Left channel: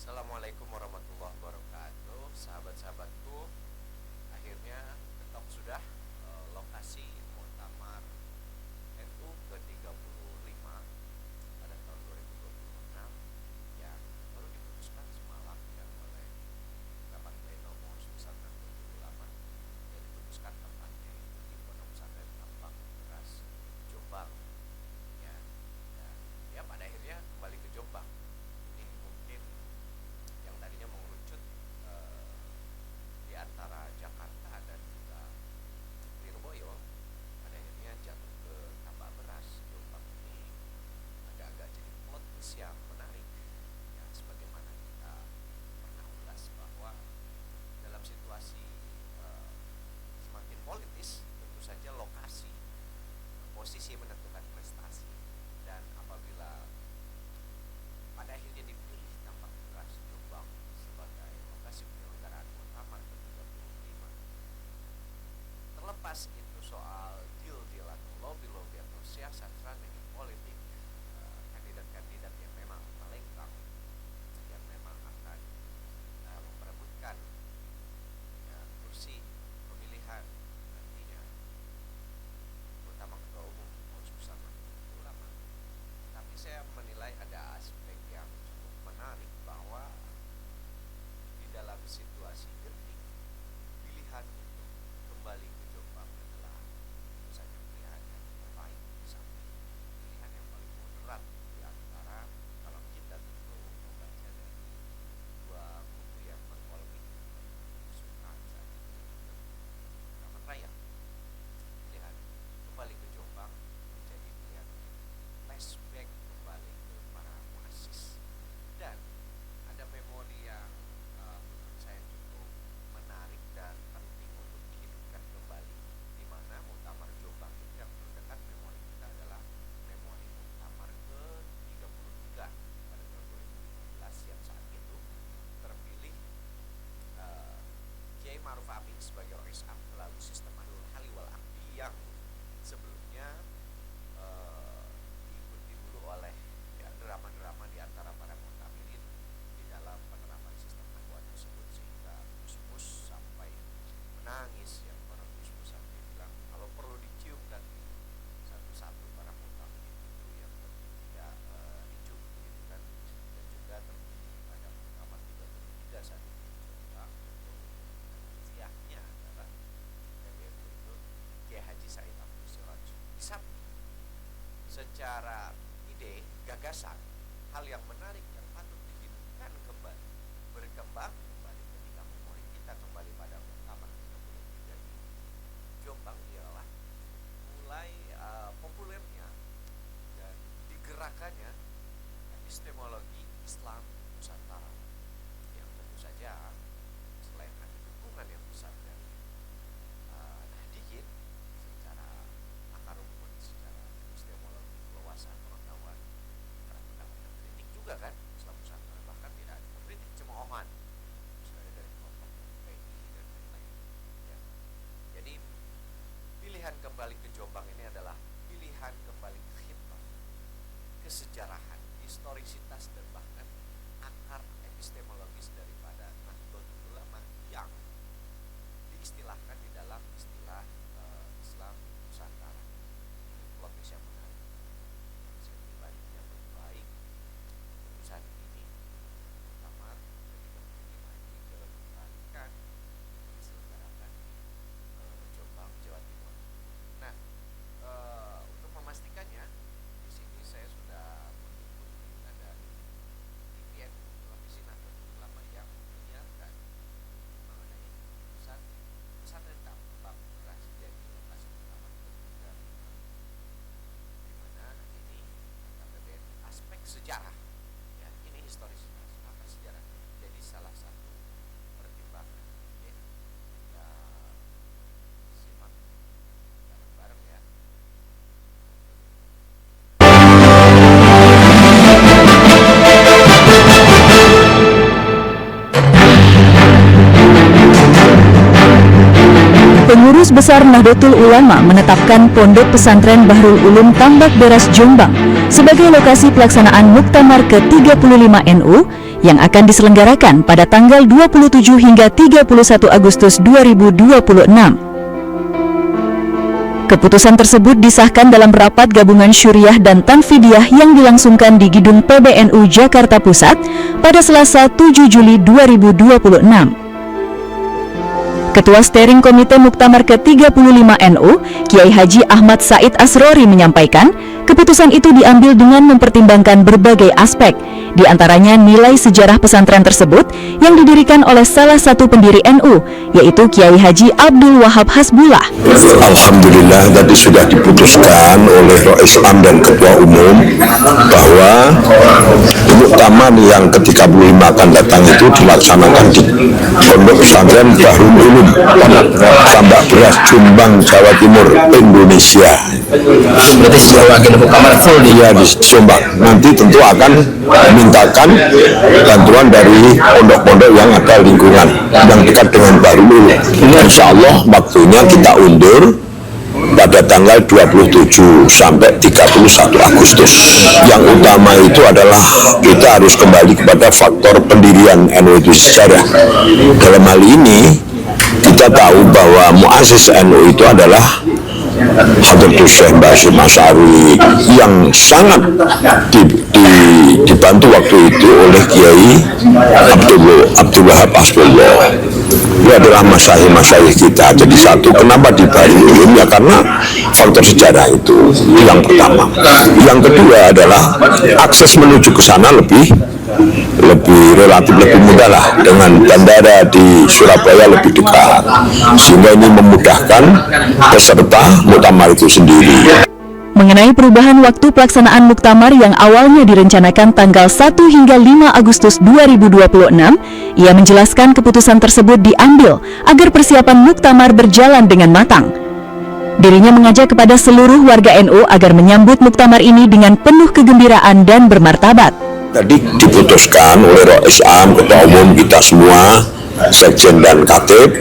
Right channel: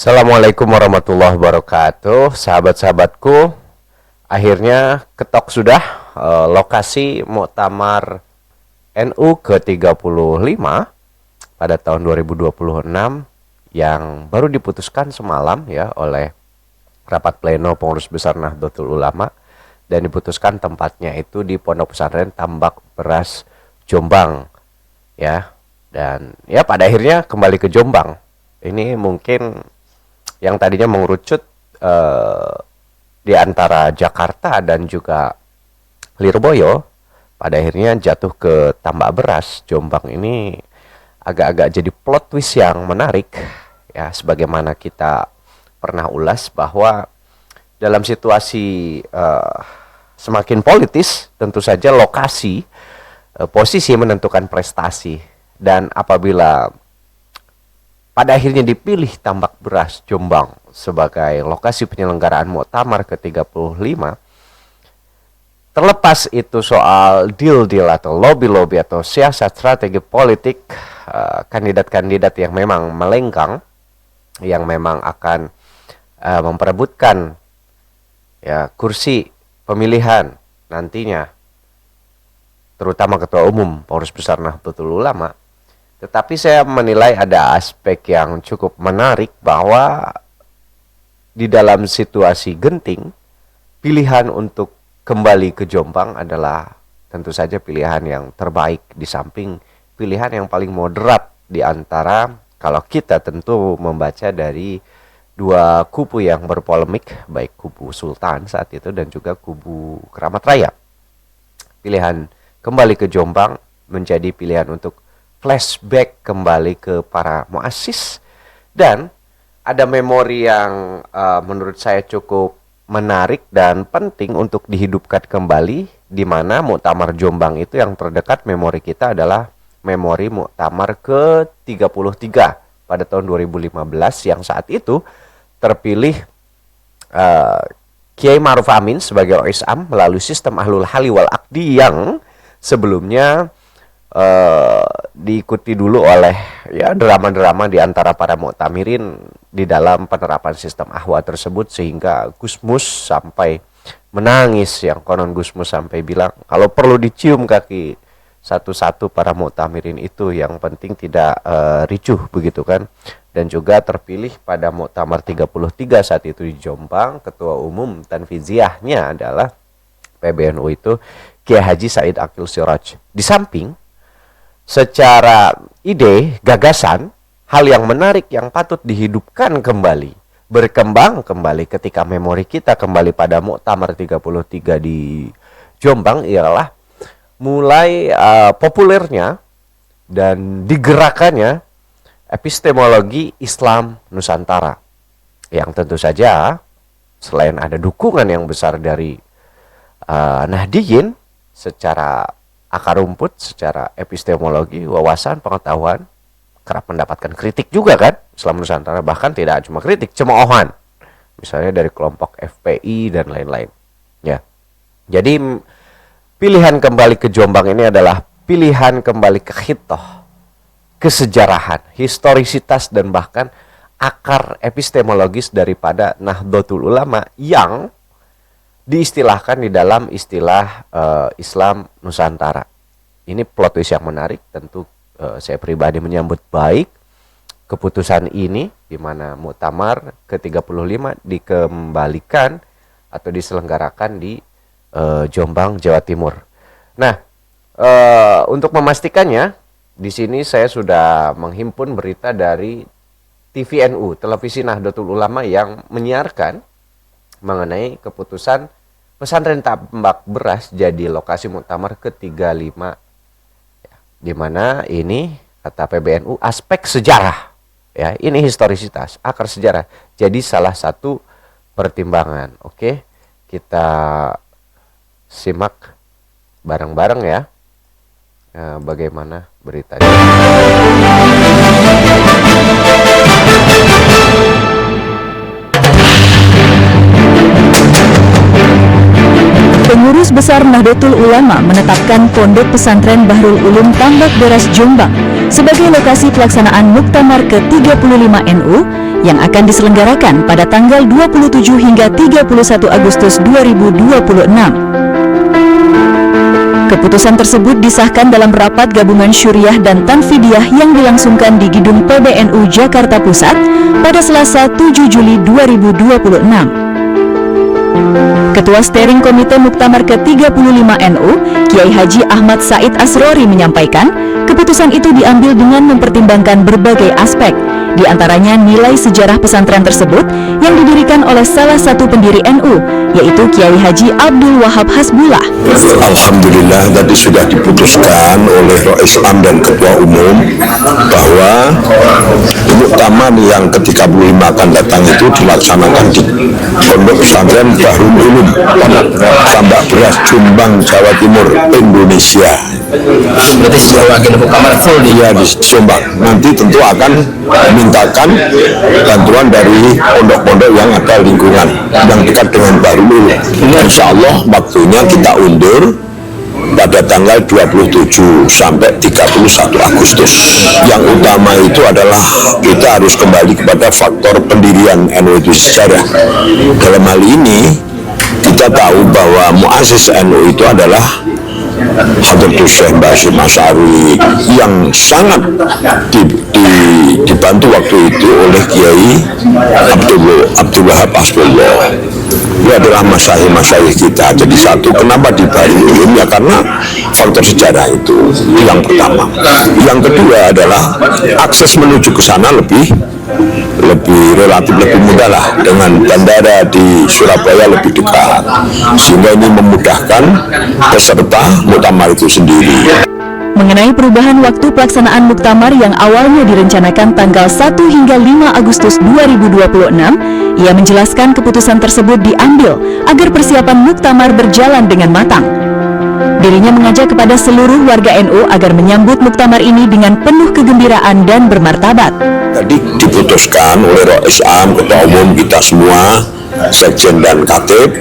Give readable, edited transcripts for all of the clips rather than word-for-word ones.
Assalamualaikum warahmatullahi wabarakatuh, sahabat-sahabatku. Akhirnya ketok sudah lokasi Muktamar NU ke-35 pada tahun 2026 yang baru diputuskan semalam ya oleh rapat pleno pengurus besar Nahdlatul Ulama, dan diputuskan tempatnya itu di Pondok Pesantren Tambak Beras Jombang ya. Dan ya pada akhirnya kembali ke Jombang. Ini mungkin yang tadinya mengerucut di antara Jakarta dan juga Lirboyo, pada akhirnya jatuh ke Tambak Beras Jombang. Ini agak-agak jadi plot twist yang menarik ya, sebagaimana kita pernah ulas bahwa dalam situasi semakin politis, tentu saja lokasi posisi menentukan prestasi. Dan apabila pada akhirnya dipilih Tambak Beras Jombang sebagai lokasi penyelenggaraan Muktamar ke-35, terlepas itu soal deal-deal atau lobby-lobby atau siasat strategi politik kandidat-kandidat yang memang melenggang, yang memang akan memperebutkan ya kursi pemilihan nantinya, terutama ketua umum pengurus besar Nahdlatul Ulama. Tetapi saya menilai ada aspek yang cukup menarik bahwa di dalam situasi genting, pilihan untuk kembali ke Jombang adalah tentu saja pilihan yang terbaik, di samping pilihan yang paling moderat di antara, kalau kita tentu membaca dari dua kubu yang berpolemik, baik kubu Sultan saat itu dan juga kubu Keramat Raya. Pilihan kembali ke Jombang menjadi pilihan untuk flashback kembali ke para muassis, dan ada memori yang menurut saya cukup menarik dan penting untuk dihidupkan kembali, di mana Muktamar Jombang itu yang terdekat memori kita adalah memori Muktamar ke-33 pada tahun 2015 yang saat itu terpilih Kiai Ma'ruf Amin sebagai OISAM melalui sistem Ahlul Hali wal Aqdi yang sebelumnya diikuti dulu oleh ya drama-drama di antara para muktamirin di dalam penerapan sistem ahwa tersebut, sehingga Gusmus sampai menangis, yang konon Gusmus sampai bilang kalau perlu dicium kaki satu-satu para muktamirin itu, yang penting tidak ricuh begitu kan. Dan juga terpilih pada Muktamar 33 saat itu di Jombang, ketua umum tanfiziahnya adalah PBNU itu Kiai Haji Said Aqil Siraj. Di samping secara ide, gagasan, hal yang menarik yang patut dihidupkan kembali, berkembang kembali ketika memori kita kembali pada Muktamar 33 di Jombang ialah mulai populernya dan digerakkannya epistemologi Islam Nusantara, yang tentu saja selain ada dukungan yang besar dari Nahdiyin secara akar rumput, secara epistemologi, wawasan, pengetahuan, kerap mendapatkan kritik juga kan Islam Nusantara, bahkan tidak cuma kritik, cemoohan misalnya dari kelompok FPI dan lain-lain ya. Jadi pilihan kembali ke Jombang ini adalah pilihan kembali ke khitoh, kesejarahan, historisitas, dan bahkan akar epistemologis daripada Nahdlatul Ulama yang diistilahkan di dalam istilah Islam Nusantara. Ini plot twist yang menarik. Tentu saya pribadi menyambut baik keputusan ini, di mana Muktamar ke-35 dikembalikan atau diselenggarakan di Jombang, Jawa Timur. Nah, untuk memastikannya, di sini saya sudah menghimpun berita dari TVNU, Televisi Nahdlatul Ulama, yang menyiarkan mengenai keputusan Pesantren Tambak Beras jadi lokasi Muktamar ke-35, di mana ini kata PBNU aspek sejarah ya, ini historisitas, akar sejarah jadi salah satu pertimbangan. Oke, kita simak bareng-bareng ya, bagaimana beritanya. Pengurus Besar Nahdlatul Ulama menetapkan Pondok Pesantren Bahrul Ulum Tambak Beras Jombang sebagai lokasi pelaksanaan Muktamar ke-35 NU yang akan diselenggarakan pada tanggal 27 hingga 31 Agustus 2026. Keputusan tersebut disahkan dalam rapat gabungan Syuriah dan Tanfidiyah yang dilangsungkan di Gedung PBNU Jakarta Pusat pada Selasa 7 Juli 2026. Ketua Steering Komite Muktamar ke-35 NU, Kiai Haji Ahmad Said Asrori menyampaikan, keputusan itu diambil dengan mempertimbangkan berbagai aspek, di antaranya nilai sejarah pesantren tersebut yang didirikan oleh salah satu pendiri NU, yaitu Kiai Haji Abdul Wahab Hasbullah. Alhamdulillah tadi sudah diputuskan oleh Rois Am dan Ketua Umum bahwa muktamar yang ke-35 akan datang itu dilaksanakan di Pondok Pesantren Bahrul Ulum, Tambak Beras, Jombang, Jawa Timur, Indonesia. Berarti seluruh agenda muktamar full di Jombang. Nanti tentu akan memintakan bantuan dari pondok-pondok yang ada lingkungan yang dekat dengan Bahrul Ulum. Insya Allah waktunya kita undur pada tanggal 27 sampai 31 Agustus. Yang utama itu adalah kita harus kembali kepada faktor pendirian NU itu sejarah. Dalam hal ini kita tahu bahwa muassis NU itu adalah Hadratus Syekh Basyir Asy'ari yang sangat dibantu waktu itu oleh Kiai Abdul Wahab Hasbullah. Dia adalah masyayikh kita. Jadi satu, kenapa di Bahrul Ulum? Ya karena faktor sejarah itu yang pertama. Yang kedua adalah akses menuju ke sana lebih relatif lebih mudah lah, dengan bandara di Surabaya lebih dekat, sehingga ini memudahkan peserta muktamar itu sendiri. Mengenai perubahan waktu pelaksanaan muktamar yang awalnya direncanakan tanggal 1 hingga 5 Agustus 2026, ia menjelaskan keputusan tersebut diambil agar persiapan muktamar berjalan dengan matang. Dirinya mengajak kepada seluruh warga NU agar menyambut muktamar ini dengan penuh kegembiraan dan bermartabat. Tadi diputuskan oleh Rois Am, Ketua Umum kita semua, Sekjen dan Katib,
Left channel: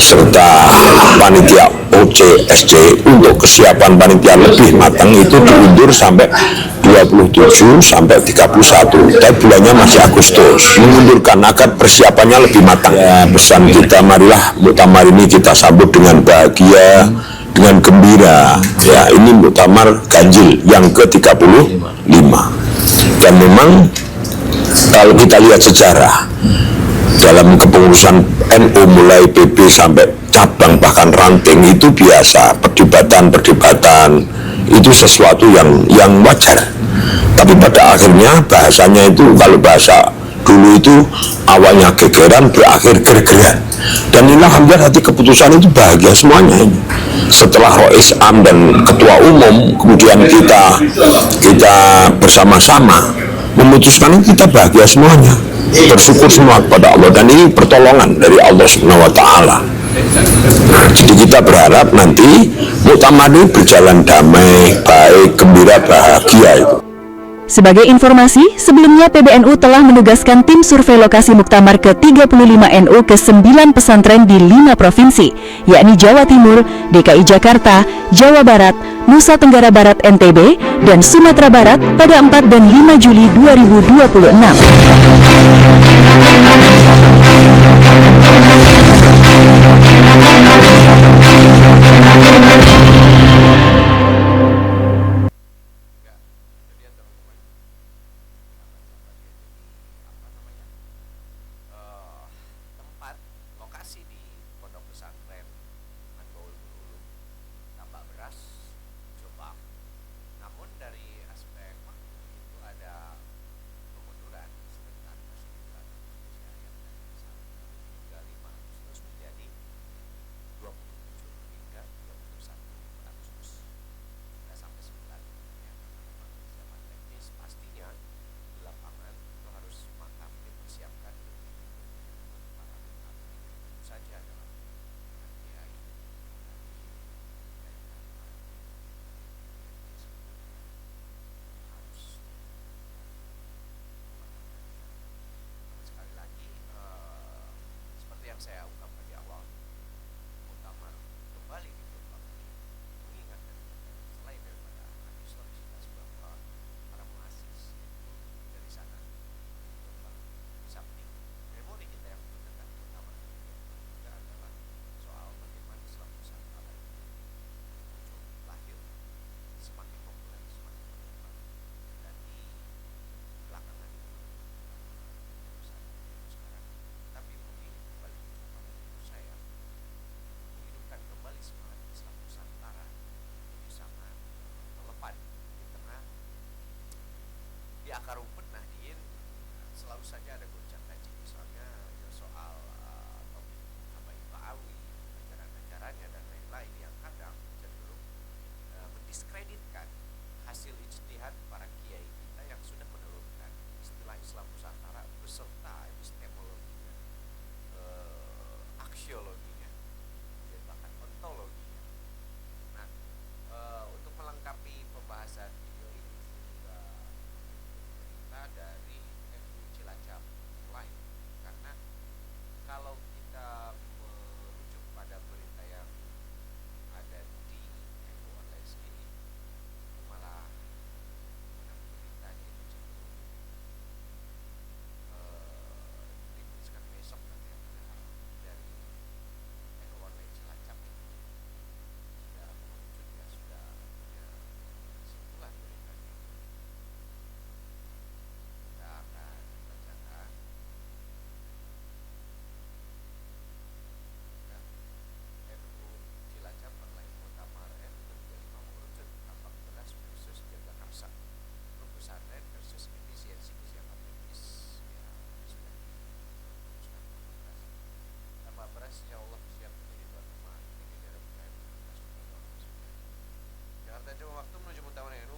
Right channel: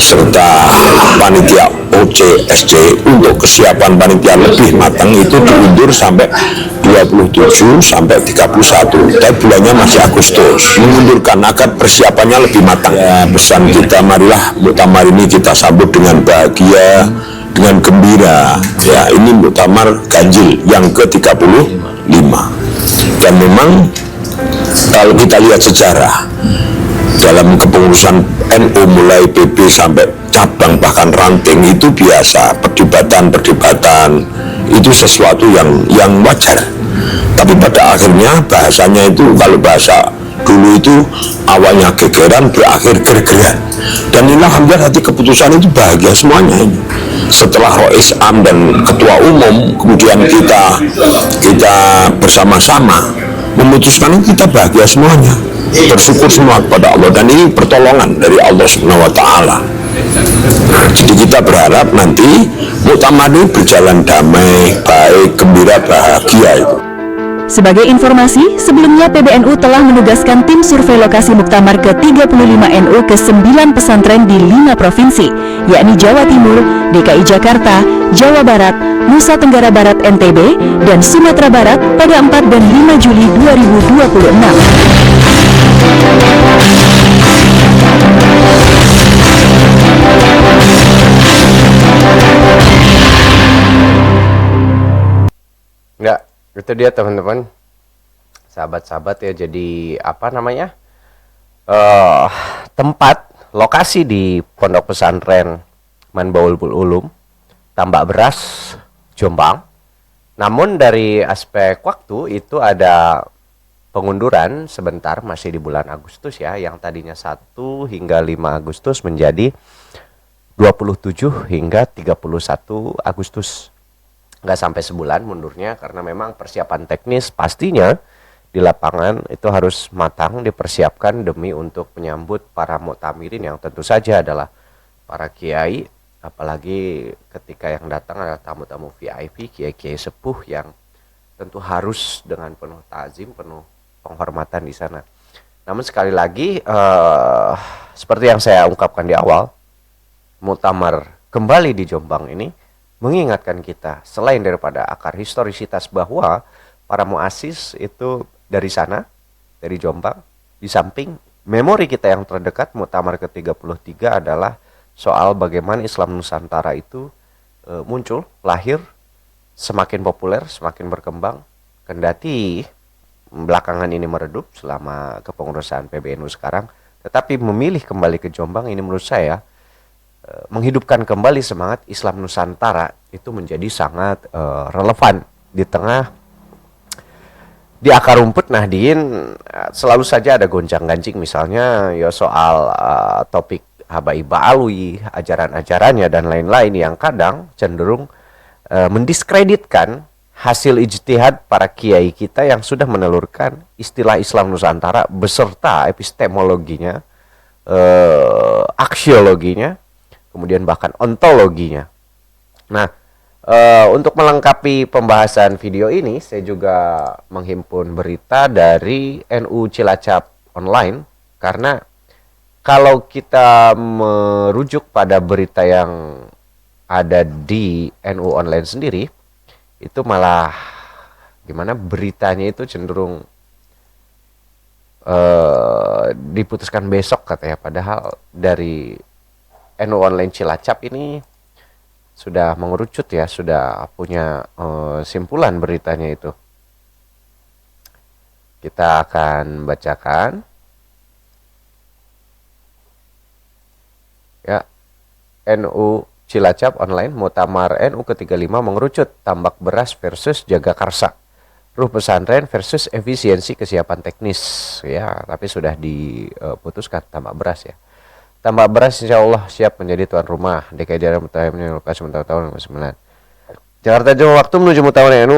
serta panitia OCSC untuk kesiapan panitia lebih matang itu diundur sampai 27 sampai 31. Tapi bulannya masih Agustus. Mengundurkan agar persiapannya lebih matang. Ya, pesan kita, marilah muktamar ini kita sambut dengan bahagia, dengan gembira. Ya, ini muktamar ganjil yang ke-35. Dan memang kalau kita lihat sejarah dalam kepengurusan NU mulai PB sampai cabang bahkan ranting itu biasa, perdebatan itu sesuatu yang wajar. Tapi pada akhirnya bahasanya itu, kalau bahasa dulu itu awalnya gegeran berakhir gergeran. Dan inilah hampir hati keputusan itu bahagia semuanya ini. Setelah Rois Am dan Ketua Umum, kemudian kita bersama-sama memutuskan, kita bahagia semuanya, bersyukur semua kepada Allah, dan ini pertolongan dari Allah Subhanahu wa Ta'ala. Jadi kita berharap nanti muktamar ini berjalan damai, baik, gembira, bahagia itu. Sebagai informasi, sebelumnya PBNU telah menugaskan tim survei lokasi Muktamar ke-35 NU ke 9 pesantren di 5 provinsi, yakni Jawa Timur, DKI Jakarta, Jawa Barat, Nusa Tenggara Barat NTB, dan Sumatera Barat pada 4 dan 5 Juli 2026. Enggak, itu dia teman-teman, sahabat-sahabat ya. Jadi apa namanya, tempat lokasi di Pondok Pesantren Manbaul Ulum, Tambak Beras, Jombang. Namun dari aspek waktu itu ada pengunduran sebentar, masih di bulan Agustus ya, yang tadinya 1 hingga 5 Agustus menjadi 27 hingga 31 Agustus. Nggak sampai sebulan mundurnya, karena memang persiapan teknis pastinya di lapangan itu harus matang dipersiapkan demi untuk menyambut para muktamirin yang tentu saja adalah para kiai, apalagi ketika yang datang adalah tamu-tamu VIP, kiai-kiai sepuh yang tentu harus dengan penuh ta'zim, penuh penghormatan di sana. Namun sekali lagi seperti yang saya ungkapkan di awal, muktamar kembali di Jombang ini mengingatkan kita selain daripada akar historisitas bahwa para muassis itu dari sana, dari Jombang. Di samping memori kita yang terdekat Muktamar ke-33 adalah soal bagaimana Islam Nusantara itu muncul, lahir, semakin populer, semakin berkembang, kendati belakangan ini meredup selama kepengurusan PBNU sekarang, tetapi memilih kembali ke Jombang ini menurut saya menghidupkan kembali semangat Islam Nusantara itu menjadi sangat relevan di tengah di akar rumput Nahdien. Selalu saja ada gonjang-ganjing, misalnya ya soal topik Habaib Alwi, ajaran-ajarannya dan lain-lain yang kadang cenderung mendiskreditkan hasil ijtihad para kiai kita yang sudah menelurkan istilah Islam Nusantara beserta epistemologinya, aksiologinya, kemudian bahkan ontologinya. Nah, untuk melengkapi pembahasan video ini, saya juga menghimpun berita dari NU Cilacap Online, karena kalau kita merujuk pada berita yang ada di NU Online sendiri, itu malah gimana beritanya itu cenderung diputuskan besok katanya, padahal dari NU Online Cilacap ini sudah mengerucut ya, sudah punya simpulan beritanya itu. Kita akan bacakan ya. NU Cilacap Online, Muktamar NU ke-35 mengerucut, tambak beras versus jaga karsa, ruh pesantren versus efisiensi kesiapan teknis ya, tapi sudah diputuskan tambak beras ya. Tambak beras insya Allah siap menjadi tuan rumah DKI daerah Mutahimnya lokasi tahun 2009. Jakarta Jawa waktu menuju Muktamar NU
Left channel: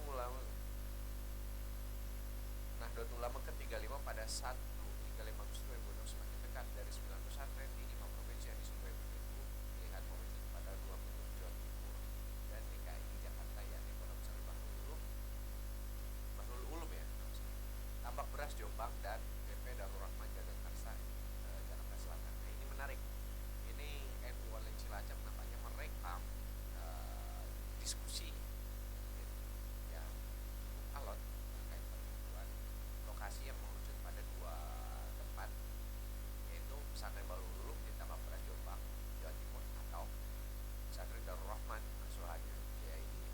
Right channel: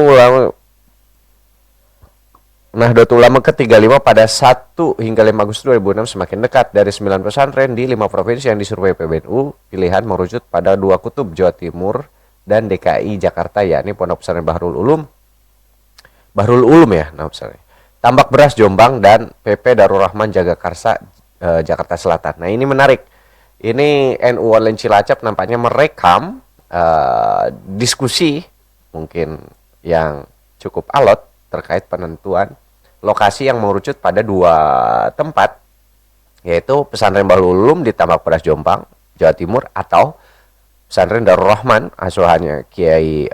Nahdlatul Ulama ke-35 pada 1 hingga 5 Agustus 2006 semakin dekat. Dari 9 pesantren di 5 provinsi yang disurvei PBNU, pilihan merucut pada 2 kutub, Jawa Timur dan DKI Jakarta, yakni Pondok Pesantren Bahrul Ulum ya, nama pesantren. Tambak Beras Jombang dan PP Darul Rahman Jagakarsa Jakarta Selatan. Nah, ini menarik. Ini NU Online Cilacap nampaknya merekam diskusi mungkin yang cukup alot terkait penentuan lokasi yang mengerucut pada 2 tempat, yaitu Pesantren Bahrul Ulum di Tambak Beras Jombang, Jawa Timur, atau Pesantren Darul Rahman asuhannya Kiai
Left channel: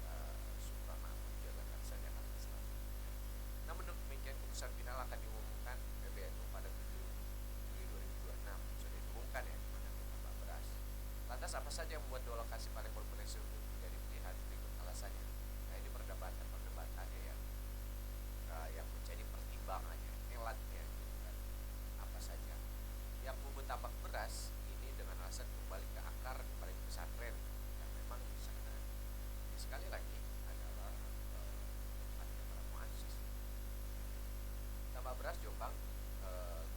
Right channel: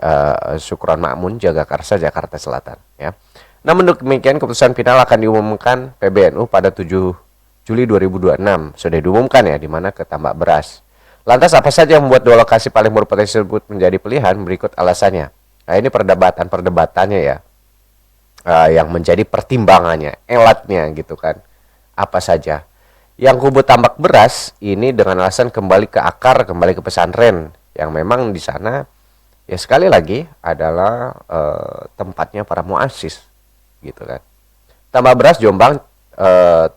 Syukron Ma'mun Jagakarsa Jakarta Selatan ya. Namun demikian keputusan final akan diumumkan PBNU pada 7 Juli 2026. Sudah diumumkan ya, di mana ke Tambak Beras. Lantas apa saja yang membuat 2 lokasi paling berpotensi tersebut menjadi pilihan? Berikut alasannya. Nah, ini perdebatannya ya. Yang menjadi pertimbangannya, elatnya gitu kan. Apa saja? Yang kubu Tambak Beras ini dengan alasan kembali ke akar, kembali ke pesantren yang memang di sana ya sekali lagi adalah tempatnya para muassis gitu kan. Tambak Beras Jombang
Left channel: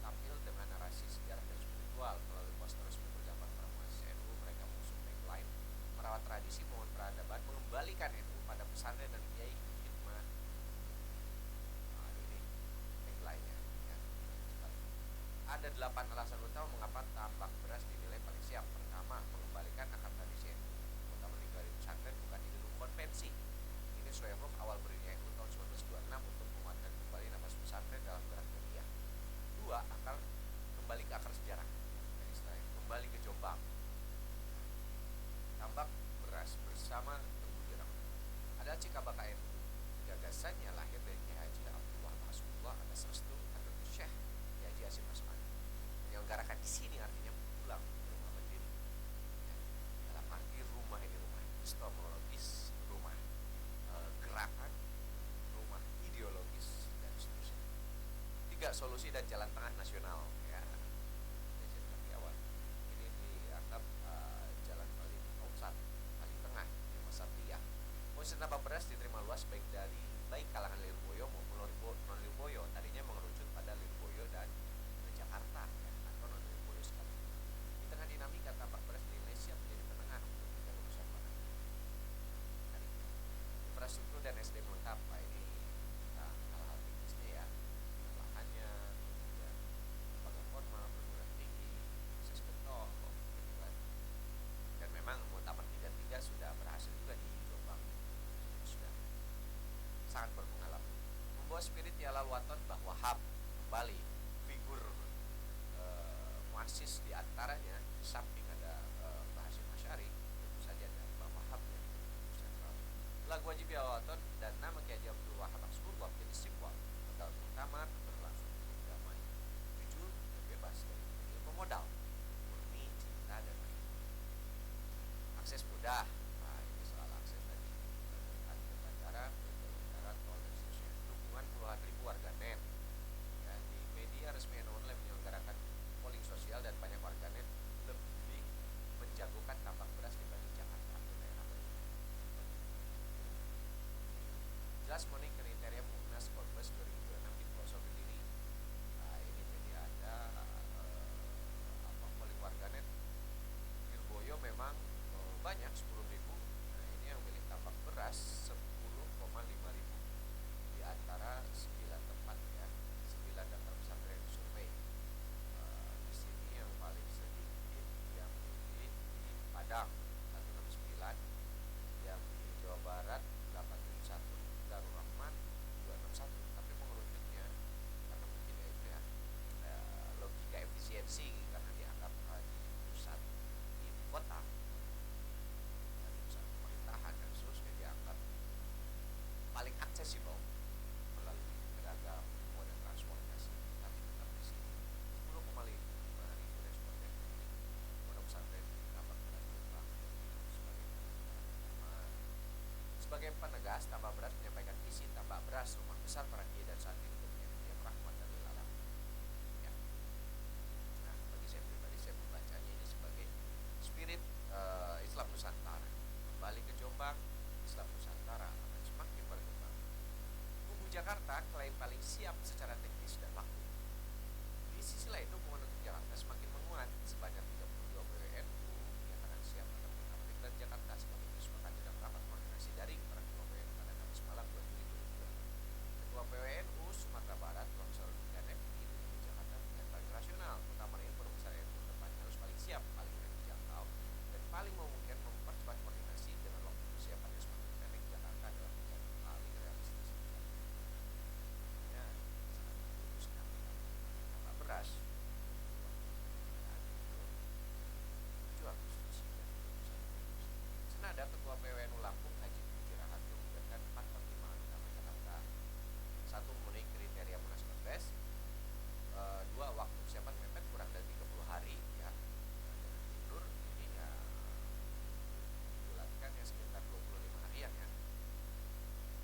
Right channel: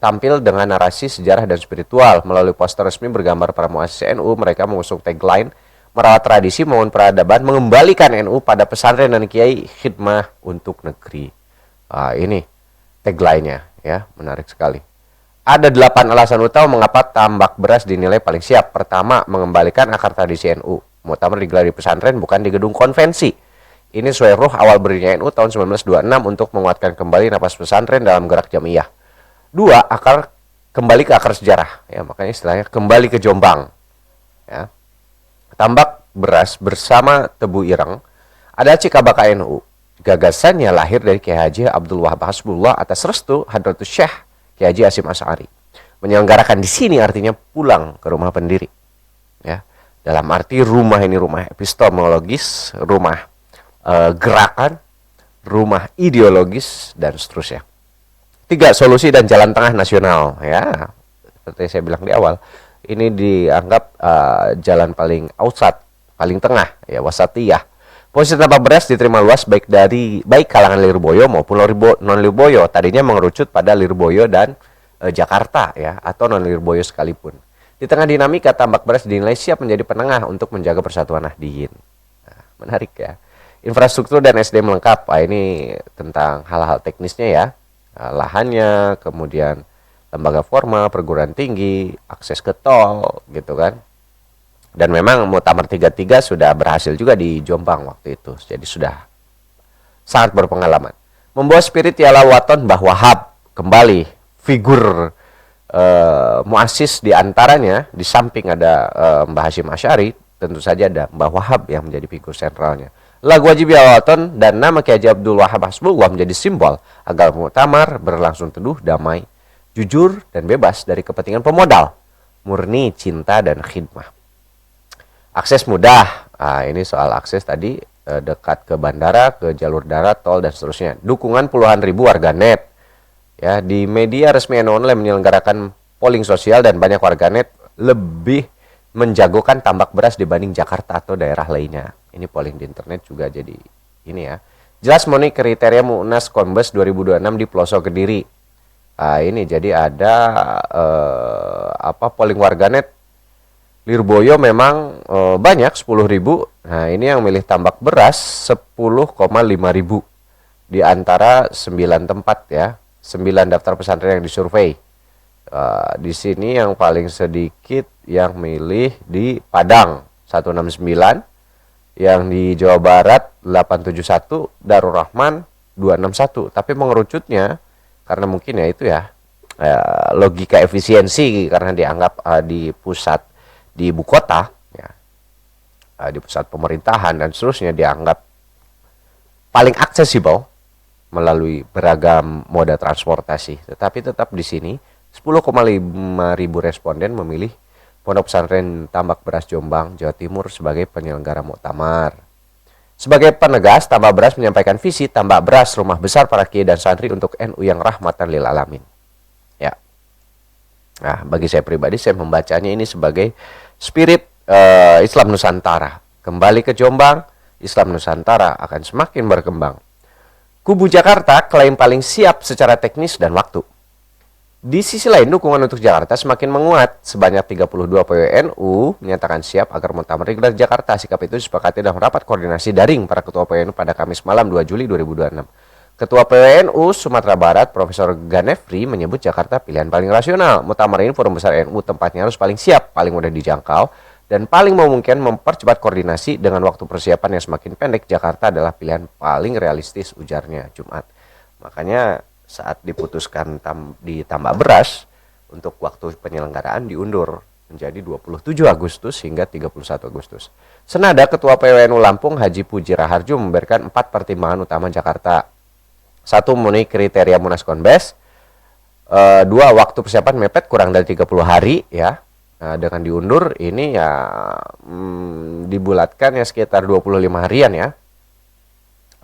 tampil dengan narasi sejarah dan spiritual. Melalui poster resmi bergambar para muassis NU, mereka mengusung tagline merawat tradisi, membangun peradaban, mengembalikan NU pada pesantren dan kiai, khidmah untuk negeri. Ini tagline-nya ya, menarik sekali. Ada 8 alasan utama mengapa Tambak Beras dinilai paling siap. Pertama, mengembalikan akar tradisi NU. Muktamar digelar di pesantren, bukan di gedung konvensi. Ini sesuai ruh awal berdirinya NU tahun 1926 untuk menguatkan kembali napas pesantren dalam gerak jamiah. 2, kembali ke akar sejarah ya, makanya istilahnya kembali ke Jombang ya. Tambak Beras bersama Tebu Ireng ada Cikabaka NU. Gagasannya lahir dari Kiai Haji Abdul Wahab Hasbullah atas restu Hadratus Syekh Kiai Haji Hasyim Asy'ari. Menyelenggarakan di sini artinya pulang ke rumah pendiri. Ya. Dalam arti rumah ini rumah epistemologis, rumah gerakan, rumah ideologis dan seterusnya. 3, solusi dan jalan tengah nasional ya. Seperti saya bilang di awal, ini dianggap jalan paling outside, paling tengah ya, wasatiyah. Posisi Tambak Beras diterima luas baik kalangan Lirboyo maupun non Lirboyo. Tadinya mengerucut pada Lirboyo dan Jakarta ya, atau non Lirboyo sekalipun. Di tengah dinamika, Tambak Beras dinilai siap menjadi penengah untuk menjaga persatuan Nahdliyin. Nah, menarik ya. Infrastruktur dan SDM lengkap. Ini tentang hal-hal teknisnya ya. Lahannya, kemudian lembaga formal, perguruan tinggi, akses ke tol gitu kan. Dan memang Muktamar 33 sudah berhasil juga di Jombang waktu itu. Jadi sudah sangat berpengalaman. Membawa spirit Yala Waton Mbah Wahab kembali figur muassis di antaranya, di samping ada Mbah Hashim Asy'ari, tentu saja ada Mbah Wahab yang menjadi figur sentralnya. Lagu wajib Yala Waton dan nama Kiai Haji Abdul Wahab Hasbullah menjadi simbol agar Muktamar berlangsung teduh, damai, jujur dan bebas dari kepentingan pemodal, murni cinta dan khidmah. Akses mudah, ini soal akses tadi, dekat ke bandara, ke jalur darat, tol dan seterusnya. Dukungan puluhan ribu warganet, ya, di media resmi NU Online menyelenggarakan polling sosial dan banyak warganet lebih menjagokan tambak beras dibanding Jakarta atau daerah lainnya. Ini polling di internet juga jadi ini ya. Jelas memenuhi kriteria Munas Kombes 2026 di pelosok Kediri. Ini jadi ada polling warganet Lirboyo memang banyak 10.000. Nah, ini yang milih tambak beras 10,5 ribu di antara 9 tempat ya, 9 daftar pesantren yang disurvei. Di sini yang paling sedikit yang milih di Padang 169, yang di Jawa Barat 871, Darul Rahman 261. Tapi mengerucutnya karena mungkin ya itu ya logika efisiensi, karena dianggap di pusat, di ibu kota ya, di pusat pemerintahan dan seterusnya, dianggap paling aksesibel melalui beragam moda transportasi. Tetapi tetap di sini 10,5 ribu responden memilih Pondok Pesantren Tambak Beras Jombang, Jawa Timur sebagai penyelenggara muktamar. Sebagai penegas, Tambak Beras menyampaikan visi tambak beras rumah besar para kiai dan santri untuk NU yang rahmatan lil alamin. Ya. Nah, bagi saya pribadi, saya membacanya ini sebagai spirit Islam Nusantara. Kembali ke Jombang, Islam Nusantara akan semakin berkembang. Kubu Jakarta klaim paling siap secara teknis dan waktu. Di sisi lain, dukungan untuk Jakarta semakin menguat. Sebanyak 32 PWNU menyatakan siap agar muktamar digelar di Jakarta. Sikap itu disepakati dalam rapat koordinasi daring para ketua PWNU pada Kamis malam 2 Juli 2026. Ketua PWNU Sumatera Barat, Profesor Ganefri, menyebut Jakarta pilihan paling rasional. Muktamar ini forum besar NU, tempatnya harus paling siap, paling mudah dijangkau, dan paling memungkinkan mempercepat koordinasi dengan waktu persiapan yang semakin pendek. Jakarta adalah pilihan paling realistis, ujarnya Jumat. Makanya saat diputuskan di tambak beras, untuk waktu penyelenggaraan diundur menjadi 27 Agustus hingga 31 Agustus. Senada Ketua PWNU Lampung Haji Puji Raharjo memberikan 4 pertimbangan utama Jakarta. 1. Memenuhi kriteria Munas Kombes. 2. Waktu persiapan mepet kurang dari 30 hari ya. Nah, dengan diundur ini ya dibulatkan ya sekitar 25 harian ya.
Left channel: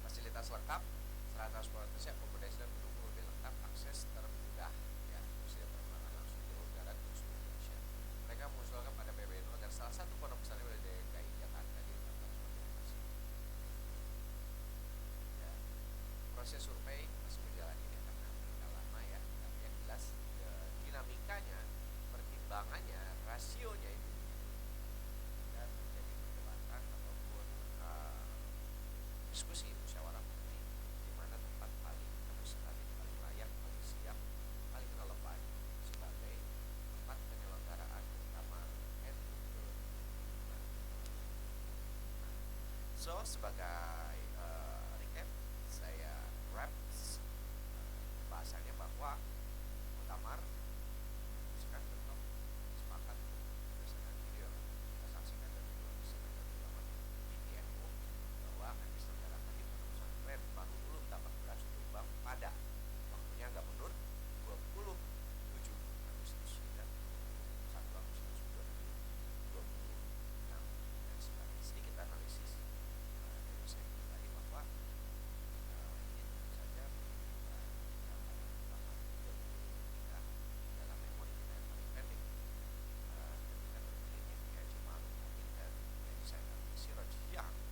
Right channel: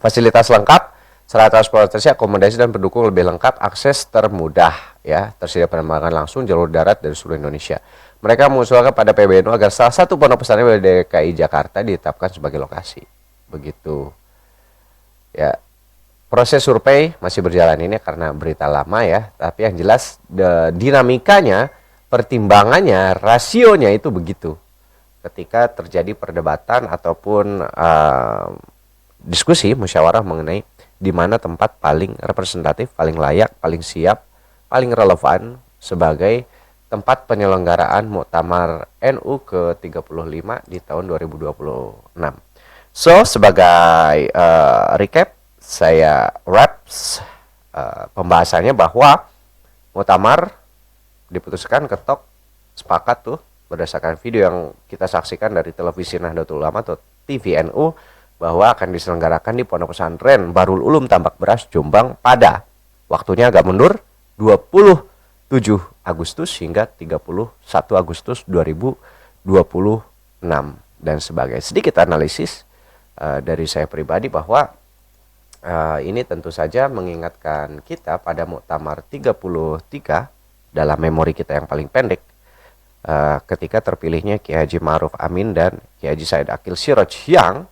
Fasilitas lengkap, sarana transportasi, akomodasi dan pendukung lebih lengkap, akses termudah ya, tersedia penerbangan langsung jalur darat dari seluruh Indonesia. Mereka mengusulkan pada PBNU agar salah satu pondok pesantren dari DKI Jakarta ditetapkan sebagai lokasi. Begitu. Ya. Proses survei masih berjalan ini karena berita lama ya, tapi yang jelas dinamikanya, pertimbangannya, rasionya itu begitu. Ketika terjadi perdebatan ataupun diskusi, musyawarah mengenai di mana tempat paling representatif, paling layak, paling siap, paling relevan sebagai tempat penyelenggaraan Muktamar NU ke-35 di tahun 2026. So, sebagai recap, saya wraps pembahasannya bahwa Muktamar diputuskan, ketok, sepakat tuh berdasarkan video yang kita saksikan dari televisi Nahdlatul Ulama atau TVNU, bahwa akan diselenggarakan di Pondok Pesantren Barul Ulum Tambak Beras Jombang pada waktunya agak mundur 27 Agustus hingga 31 Agustus 2026 dan sebagai sedikit analisis dari saya pribadi bahwa ini tentu saja mengingatkan kita pada Muktamar 33 dalam memori kita yang paling pendek, ketika terpilihnya Kiai Haji Ma'ruf Amin dan Kiai Haji Said Akil Siraj, yang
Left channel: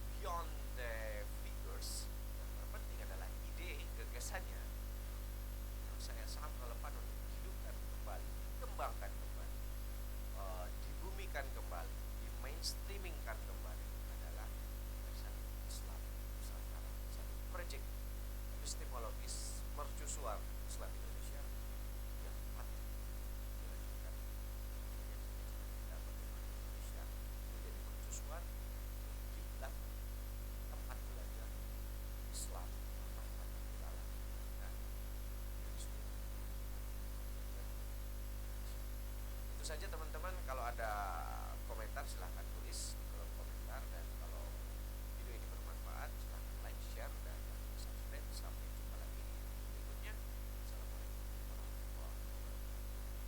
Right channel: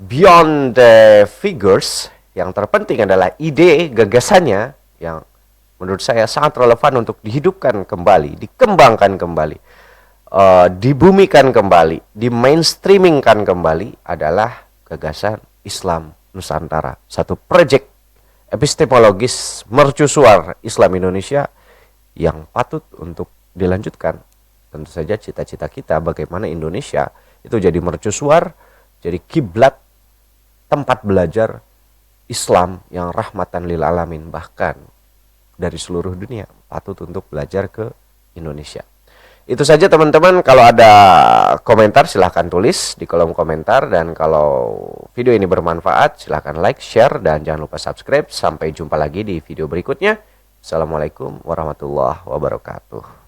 beyond the figures, yang terpenting adalah ide, gagasannya yang menurut saya sangat relevan untuk dihidupkan kembali, dikembangkan kembali, dibumikan kembali, di mainstreamingkan kembali, adalah gagasan Islam Nusantara, satu proyek epistemologis mercusuar Islam Indonesia yang patut untuk dilanjutkan tentu saja cita-cita kita bagaimana Indonesia itu jadi mercusuar, jadi kiblat tempat belajar Islam yang rahmatan lil alamin, bahkan dari seluruh dunia patut untuk belajar ke Indonesia. Itu saja teman-teman, kalau ada komentar silahkan tulis di kolom komentar, dan kalau video ini bermanfaat silahkan like, share, dan jangan lupa subscribe. Sampai jumpa lagi di video berikutnya. Assalamualaikum warahmatullahi wabarakatuh.